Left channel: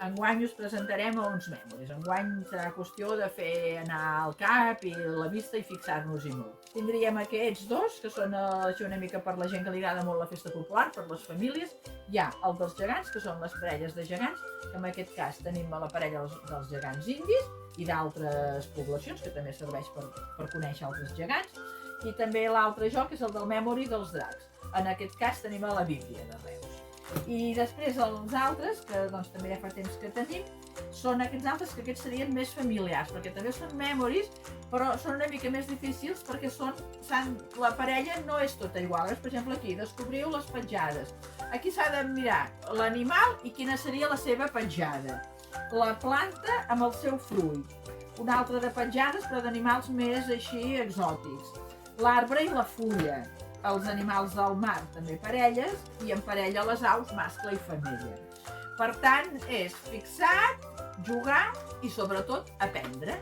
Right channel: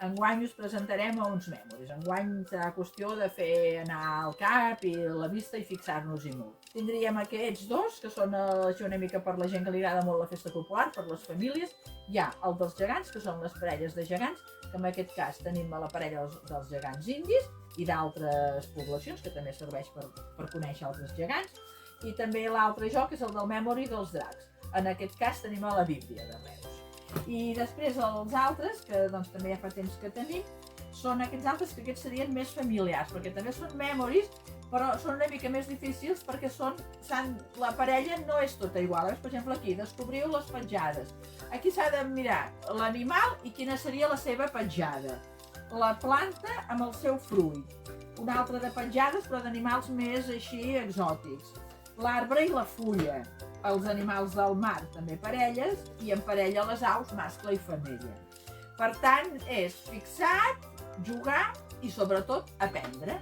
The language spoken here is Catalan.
Enguany us presentarem uns memoris. Enguany serà qüestió de fer anar al cap i la vista i fixar-nos-hi molt. Tindríem aquests dos, que són així una mica per la gent que li agrada molt la festa popular, per les famílies. Hi ha el dels gegants, que són les parelles de gegants, que en aquest cas tenim la parella dels gegants indis i d'altres poblacions, que també serveix per conèixer altres gegants. I també l'altre joc, que és el del Memory dels dracs. En aquest cas tenim la Bíblia de Reus. I després els altres, que doncs, també ja fa temps que tenim, són aquests altres que aquests serien més familiars, perquè també són memories, però són una mica més difícils perquè la parella no és tota igual. Per exemple, aquí descobriu les petjades. Aquí s'ha de mirar l'animal i quina seria la seva petjada. La planta amb el seu fruit. Una altra de petjades, però d'animals més així exòtics. L'arbre i la fulla. Els animals del mar, també parelles, i en parella les aus, mascle i femella. Per tant, és fixat, jugar i sobretot aprendre.